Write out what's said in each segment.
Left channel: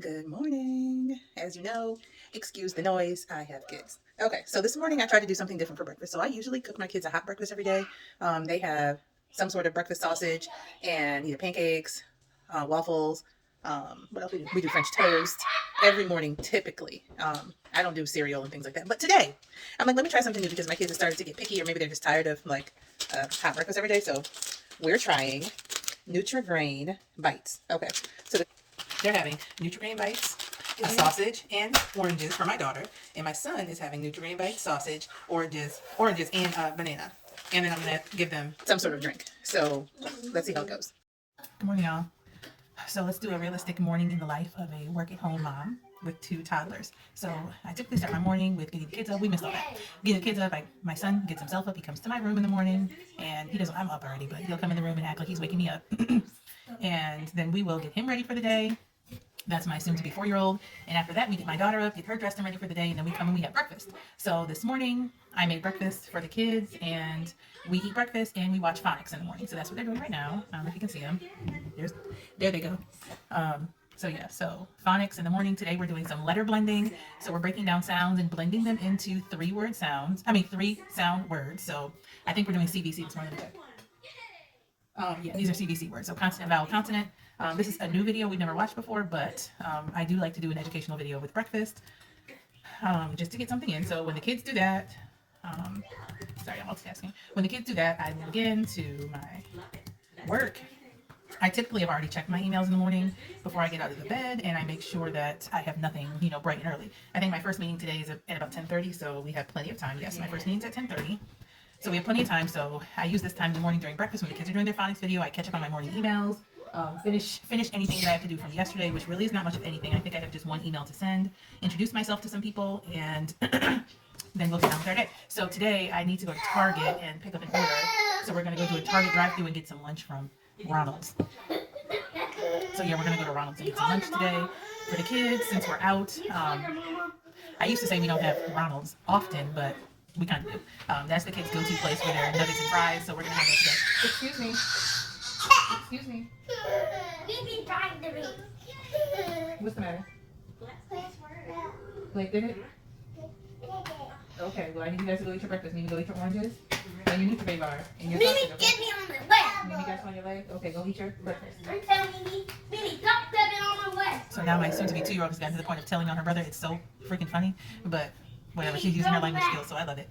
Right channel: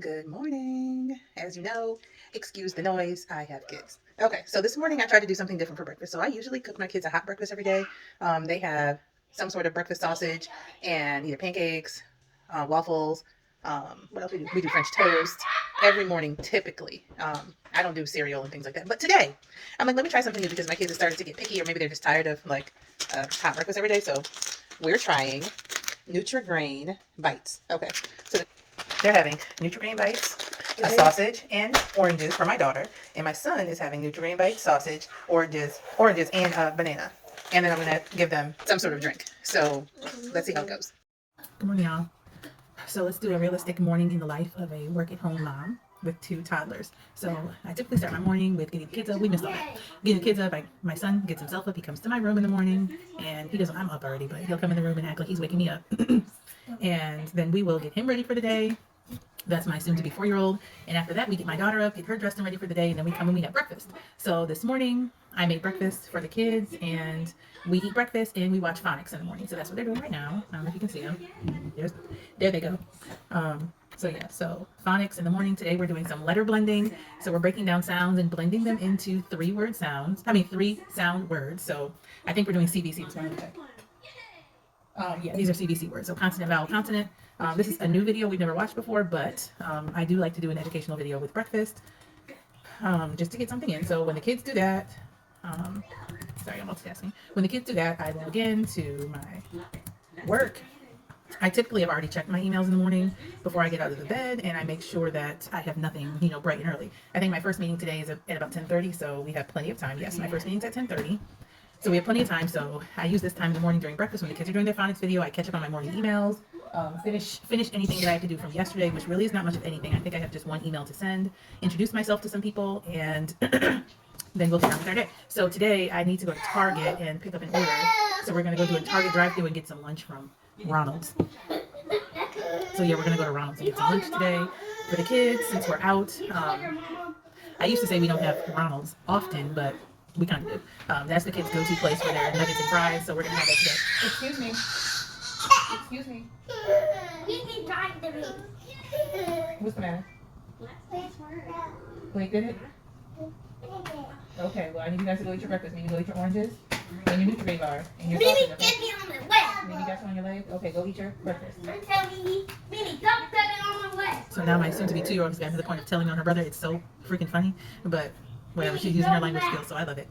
Good morning. As you know, excuse the noise, I have kids. Okay, so this morning I tried to do something different for breakfast. So I usually cook my kids a hot breakfast every day. They have some sort of breakfast sausage and either pancakes, waffles. What else we do French toast every morning typically. I don't do cereal and things like that. But today, I'm like, let me try something new because my kids have started to get picky, or maybe they're just tired of like hot breakfast every day. So we're trying Nutri-Grain bites. Okay, so they're having Nutri-Grain bites, a sausage, and oranges for my daughter. And my son is having Nutri-Grain bites, sausage, oranges, and a banana. And then I'm gonna give them some sort of drink. So let's see how it goes. Good morning, y'all. So let's do a realistic morning in the life of a work-at-home mom with two toddlers. So I typically start my morning with getting the kids up. We missed all that. Getting the kids up, my son gets himself up. He comes to my room in the morning, and he doesn't. I'm up already, but he'll come in the room and act like he's waking me up. And then we will get him ready for the day. That's my soon-to-be 4-year-old. And after that, we get my daughter up, get her dressed and ready for the day, and then we come and we have breakfast. So this morning, I made breakfast for the kids, and we eat breakfast, and we watch phonics in the morning. So that's what they're doing right now. I don't know if you can see them. There they go. So phonics in the morning. Today we're doing some letter blending. So we're breaking down sounds and blending them into 3 sound words. So I think we're doing CBC this morning. These are CBC words. So consonant, vowel, consonant. This is a new video we've never watched before, but I do like to do an educational video with breakfast, just to get something in. So when the kids do that, sorry, I'm multitasking. When the kids do that, I log in to my work. I typically have already checked my emails in the morning before I get out of the bed, and I make sure that I have nothing, bright and early. I think my first meeting today is at about 10:30, so we have plenty of time. Yes, my first meeting's at 10:30. So we have plenty of time, so I use this time in the morning during breakfast when the kids are doing their phonics video. I catch up on my morning emails, finish anything that I have to do from yesterday, which really is not much of anything. I think I have just one email to send, introduce myself to some people, and then we'll get on with our day. So today I need to go to Target and pick up an order. So we're going to go to a Target drive-thru and get some lunch from Ronald's. So yeah, we're going to go to Ronald's and get some lunch today for the kids since we're out. I used to say we don't have Ronald's often, but we kind of do. That's the kids' go-to place for their nuggets and fries, so we're going to have that today. Excuse me. Excuse me. What's the matter? Wait, did it? Okay, well, I need you guys to go eat your breakfast. You need to go eat your oranges and your Nutri-Grain bar and your sausage. Okay? Get me on my leg. Mimi got you on your leg? Okay, go eat your breakfast. Mimi, stop stepping on my leg. So now my soon-to-be 2-year-old has gotten to the point of telling on her brother. It's so freaking funny, but whatever. She's using her language skills, so I love it.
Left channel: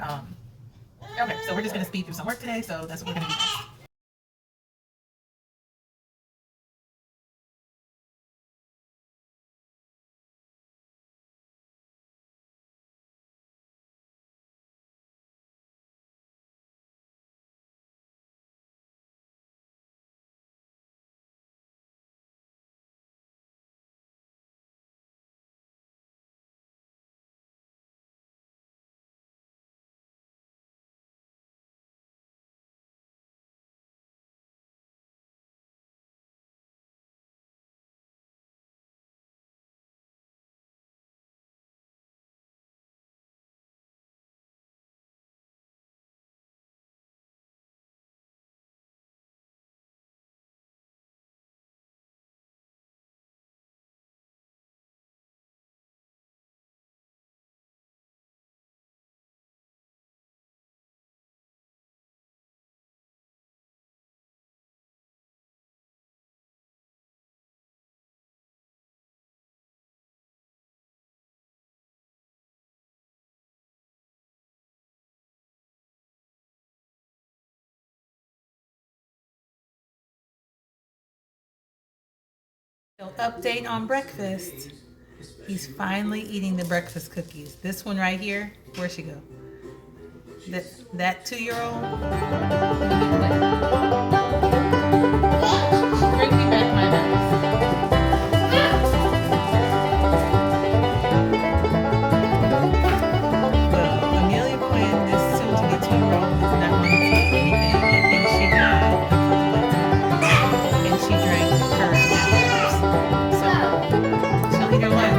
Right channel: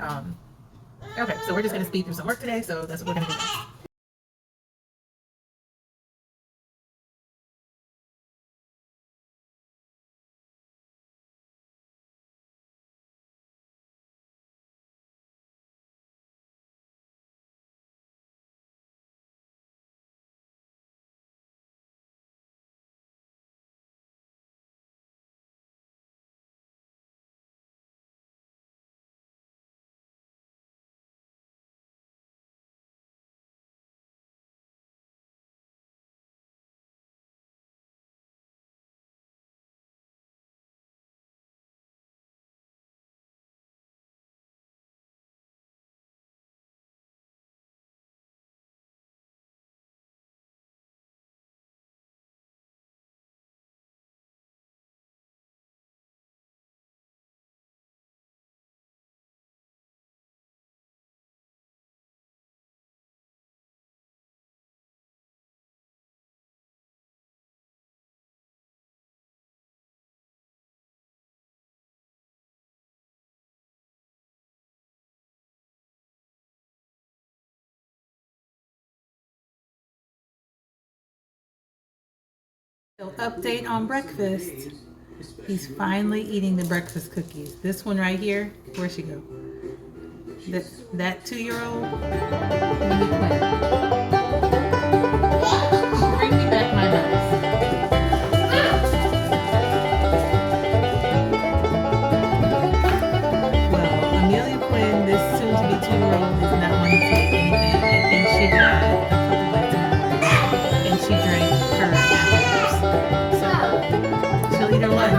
Okay, so we're just going to speed through some work today, so that's what we're going to do next. So update on breakfast. He's finally eating the breakfast cookies. This one right here, where'd she go? That 2-year-old? Bring me back my Well, Amelia Quinn, this soon-to-be 2-year-old, is not going to take anything. I think she got a couple and she drank her afterwards. So she'll eat her lunch.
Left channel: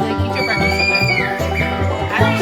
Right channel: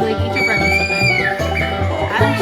Like, eat your breakfast. I don't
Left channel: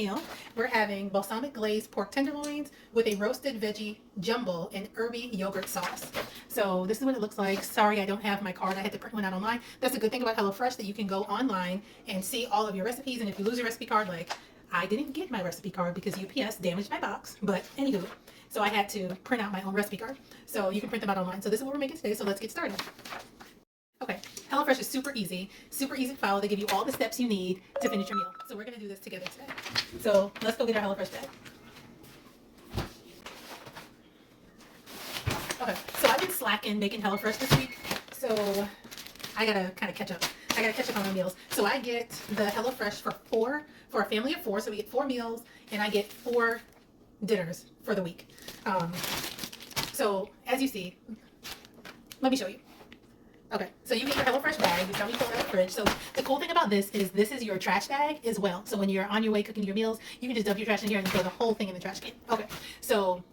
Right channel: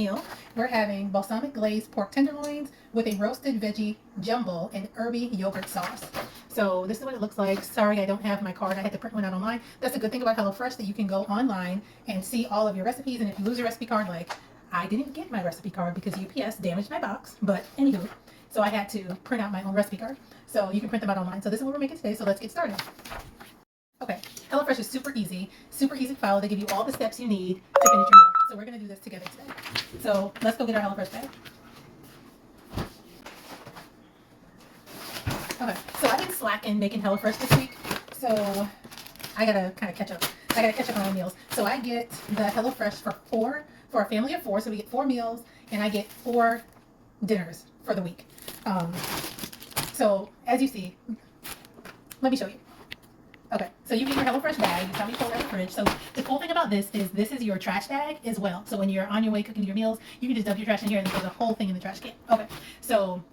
meal, we're having balsamic glazed pork tenderloins with a roasted veggie jumbo and herby yogurt sauce. So this is what it looks like. Sorry, I don't have my card. I had to print one out online. That's a good thing about HelloFresh, that you can go online and see all of your recipes. And if you lose your recipe card, like I didn't get my recipe card because UPS damaged my box. But anywho, so I had to print out my own recipe card. So you can print them out online. So this is what we're making today. So let's get started. Okay, HelloFresh is super easy to follow. They give you all the steps you need to finish your meal. So we're gonna do this together today. So let's go get our HelloFresh bag. Okay, so I've been slacking making HelloFresh this week, so I gotta kind of catch up. I gotta catch up on my meals. So I get the HelloFresh for a family of 4. So we get 4 meals, and I get 4 dinners for the week. So as you see, let me show you. Okay, so you get your HelloFresh bag. You tell me you put it in the fridge. So the cool thing about this is your trash bag as well. So when you're on your way cooking your meals, you can just dump your trash in here and throw the whole thing in the trash can. Okay, so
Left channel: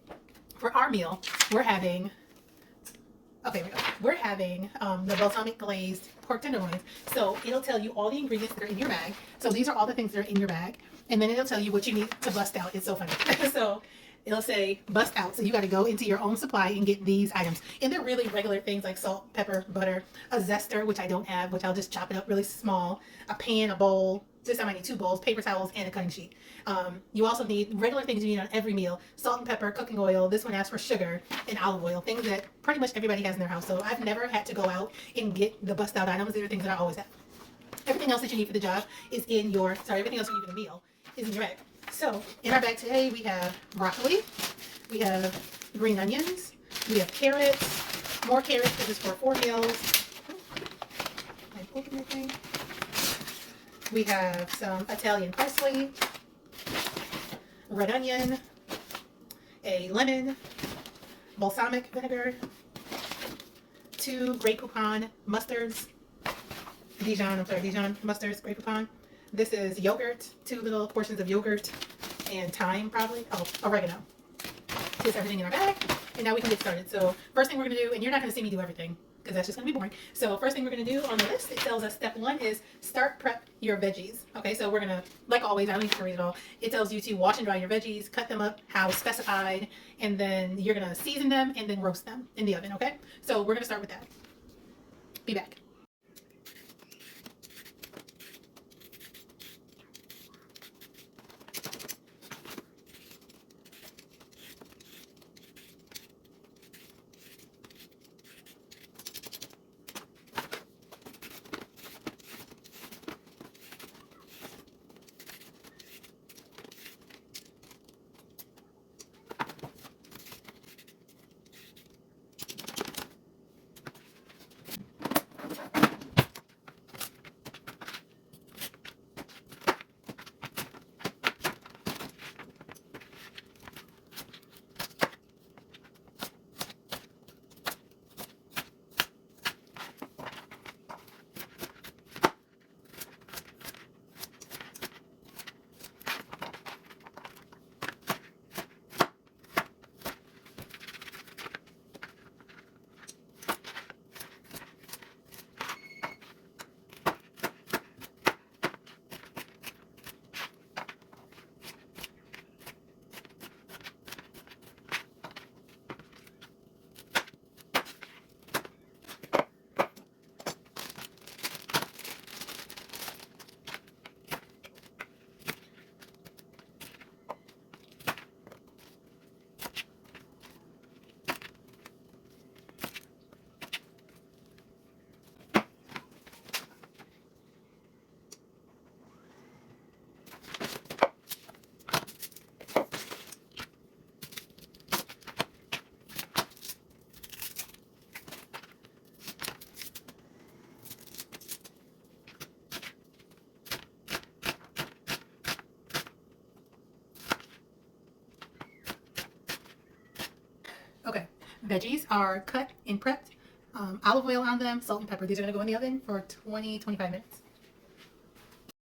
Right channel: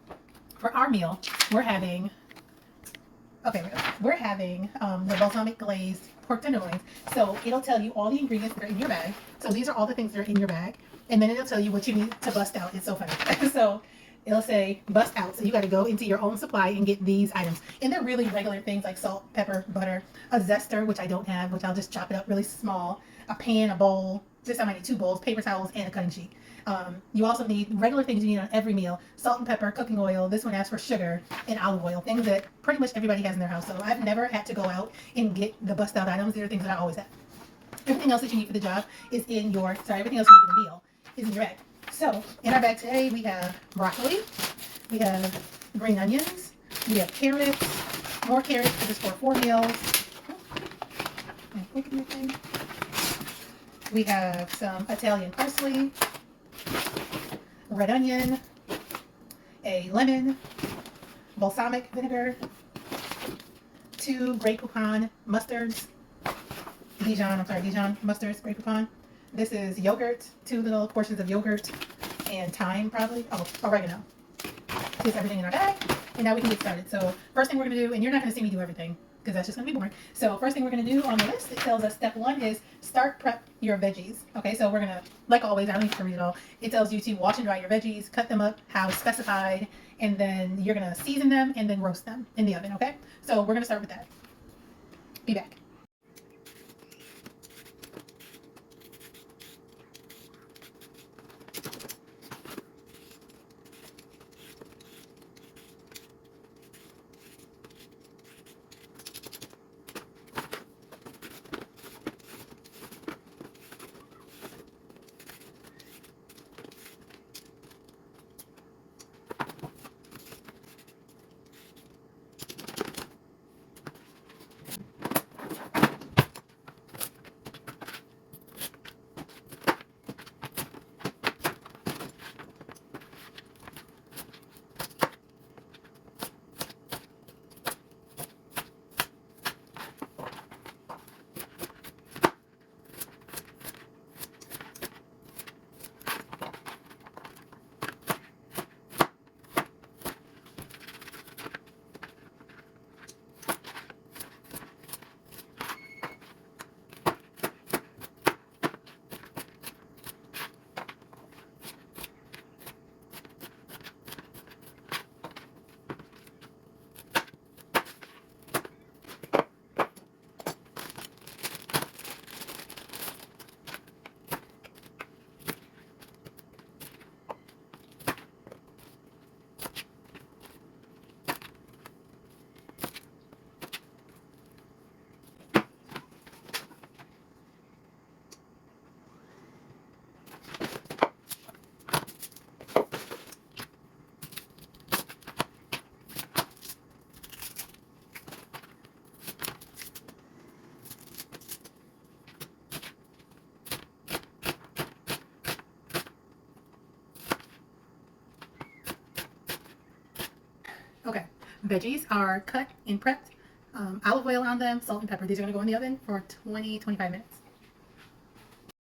for our meal, we're having the balsamic glazed pork tenderloins. So it'll tell you all the ingredients that are in your bag. So these are all the things that are in your bag, and then it'll tell you what you need to bust out. It's so funny. So it'll say bust out. So you got to go into your own supply and get these items. And they're really regular things like salt, pepper, butter, a zester, which I don't have, which I'll just chop it up really small, a pan, a bowl. This time I need 2 bowls, paper towels, and a cutting sheet. You also need regular things you need on every meal: salt and pepper, cooking oil. This one asks for sugar and olive oil, things that pretty much everybody has in their house. So I've never had to go out and get the bust out items. These are things that I always have. Everything else that you need for the job is in your, everything else you need for the meal is in your bag. So in our bag today, we have broccoli, we have green onions, we have carrots, more carrots. This is for 4 meals. We have some Italian parsley, red onion, a lemon, balsamic vinegar, 2 Grey Poupon mustards, Dijon mustards, Grey Poupon. This is yogurt, 2 little portions of yogurt, and thyme probably. Oh, oregano. Here's everything in our bag, and now we can get started. So first thing we're gonna do, and you're not gonna see me do everything because that's just gonna be boring. So first thing we're gonna do on the list, it tells us step 1 is start prep your veggies. Okay, so we're gonna, like always, I don't need to read it all. It tells you to wash and dry your veggies, cut them up how specified, and then you're gonna season them and then roast them in the oven. Okay, so we're gonna start with that. Be back. Okay, veggies are cut and prepped. Olive oil on them, salt and pepper. These are going to go in the oven for 20-25 minutes.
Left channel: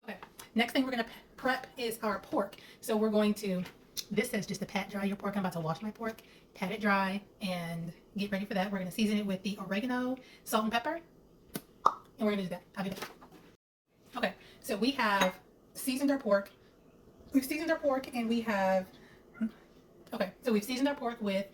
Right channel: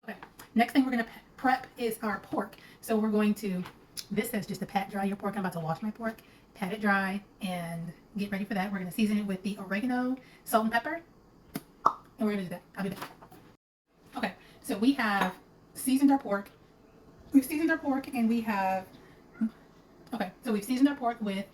Okay, next thing we're going to prep is our pork. So we're going to, this says just to pat dry your pork. I'm about to wash my pork, pat it dry, and get ready for that. We're going to season it with the oregano, salt and pepper, and we're going to do that. I'll be back. Okay, so we have seasoned our pork, we've seasoned our pork and we have, okay, so we've seasoned our pork with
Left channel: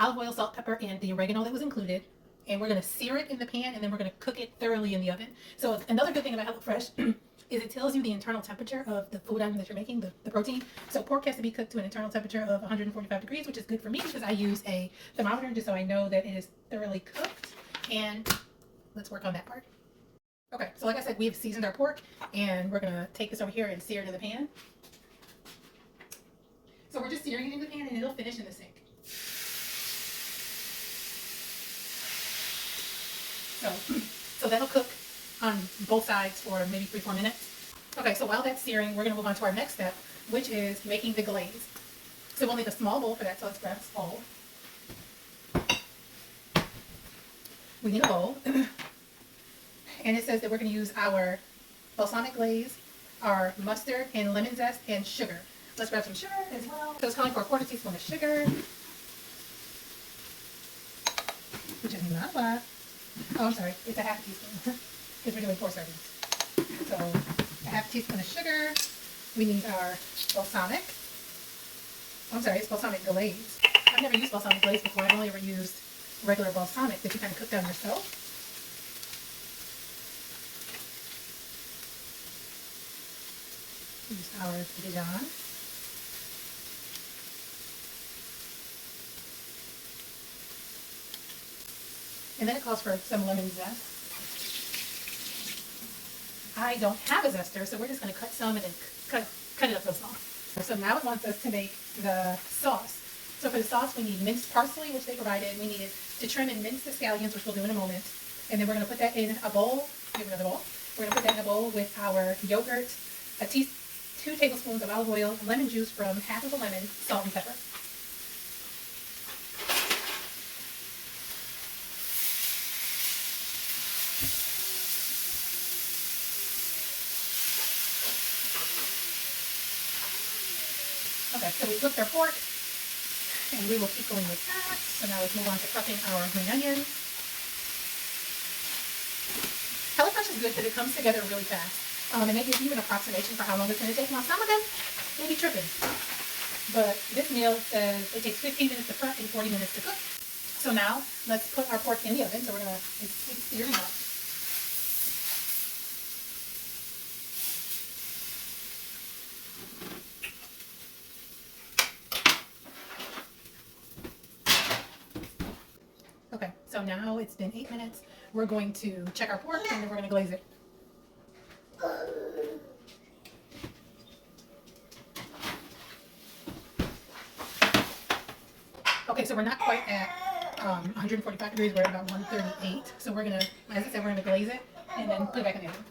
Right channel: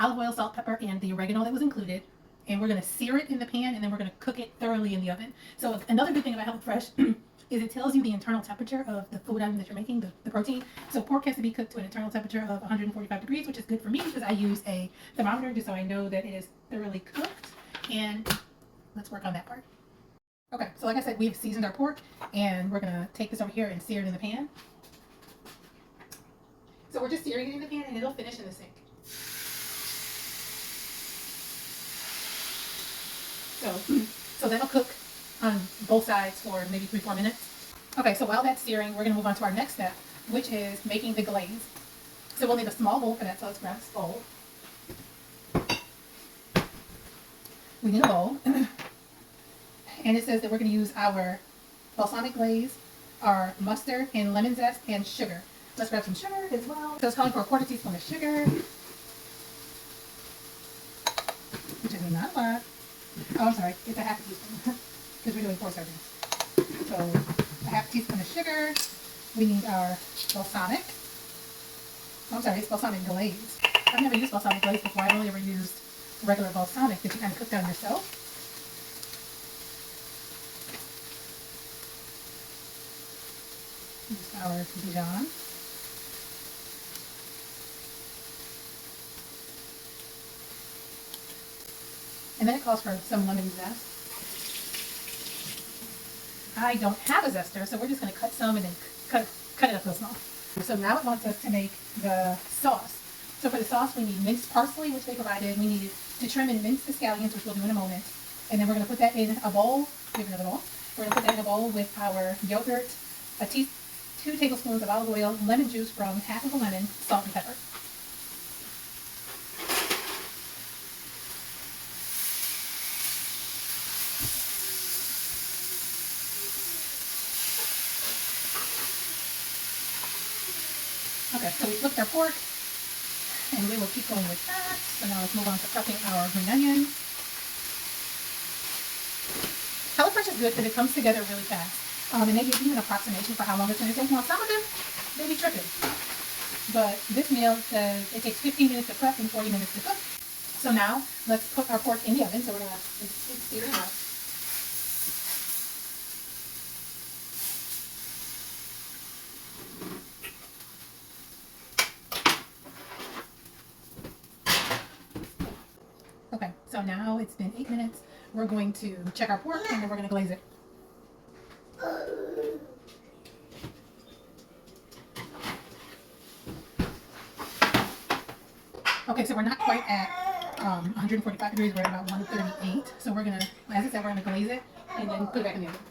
olive oil, salt, pepper, and the oregano that was included. And we're going to sear it in the pan and then we're going to cook it thoroughly in the oven. So another good thing about HelloFresh is it tells you the internal temperature of the food item that you're making, the protein. So pork has to be cooked to an internal temperature of 145 degrees, which is good for me because I use a thermometer just so I know that it is thoroughly cooked. And let's work on that part. Okay, so like I said, we've seasoned our pork and we're gonna take this over here and sear it in the pan. So we're just searing it in the pan and it'll finish in the sink. So that'll cook on both sides for maybe 3-4 minutes. Okay, so while that's searing, we're gonna move on to our next step, which is making the glaze. So we'll need a small bowl for that, so let's grab this bowl. We need a bowl. And it says that we're going to use our balsamic glaze, our mustard, and lemon zest, and sugar. Let's grab some sugar as well. So it's calling for a 1/4 teaspoon of sugar, which is not a lot. Oh, I'm sorry, it's a 1/2 teaspoon because we're doing 4 servings. So a 1/2 teaspoon of sugar. We need our balsamic. I'm sorry, it's balsamic glaze. I've never used balsamic glaze before. I've only ever used regular balsamic that you kind of cook down yourself. Use our Dijon. And then it calls for some lemon zest. I don't have a zester, so we're just going to cut some and then cut it up real small. So now it wants us to make the sauce. So for the sauce, we need minced parsley, which they provided. We needed to trim and mince the scallions, which we'll do in a moment. And then we're going to put that in a bowl. We have another bowl. We're going to put that in a bowl with our yogurt, 2 tablespoons of olive oil, lemon juice from 1/2 of a lemon, salt and pepper. Okay, so we flipped our pork, and we will keep going with that. So now let's move on to chopping our green onion. HelloFresh is good because it comes together really fast. And they give you an approximation for how long it's going to take. Now, some of them may be tripping. But this meal says it takes 15 minutes to prep and 40 minutes to cook. So now, let's put our pork in the oven. So we're going to sear it out. Okay, so now it's been 8 minutes. We're going to check our pork and then we're going to glaze it. Okay, so we're not quite at 145 degrees. We're at about 138. So we're going to, as I said, we're going to glaze it and then put it back in the oven.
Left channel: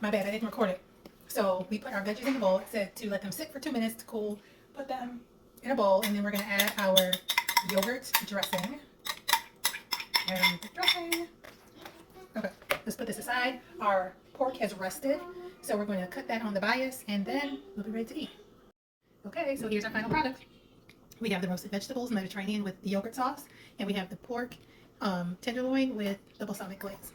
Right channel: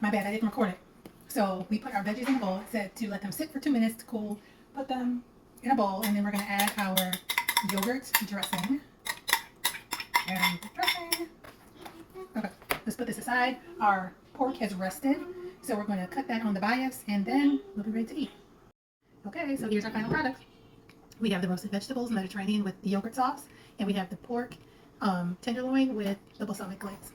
My bad, I didn't record it. So we put our veggies in a bowl. It said to let them sit for 2 minutes to cool. Put them in a bowl, and then we're going to add our yogurt dressing. And the dressing. Okay, let's put this aside. Our pork has rested, so we're going to cut that on the bias, and then we'll be ready to eat. Okay, so here's our final product. We have the roasted vegetables, Mediterranean with the yogurt sauce, and we have the pork tenderloin with the balsamic glaze.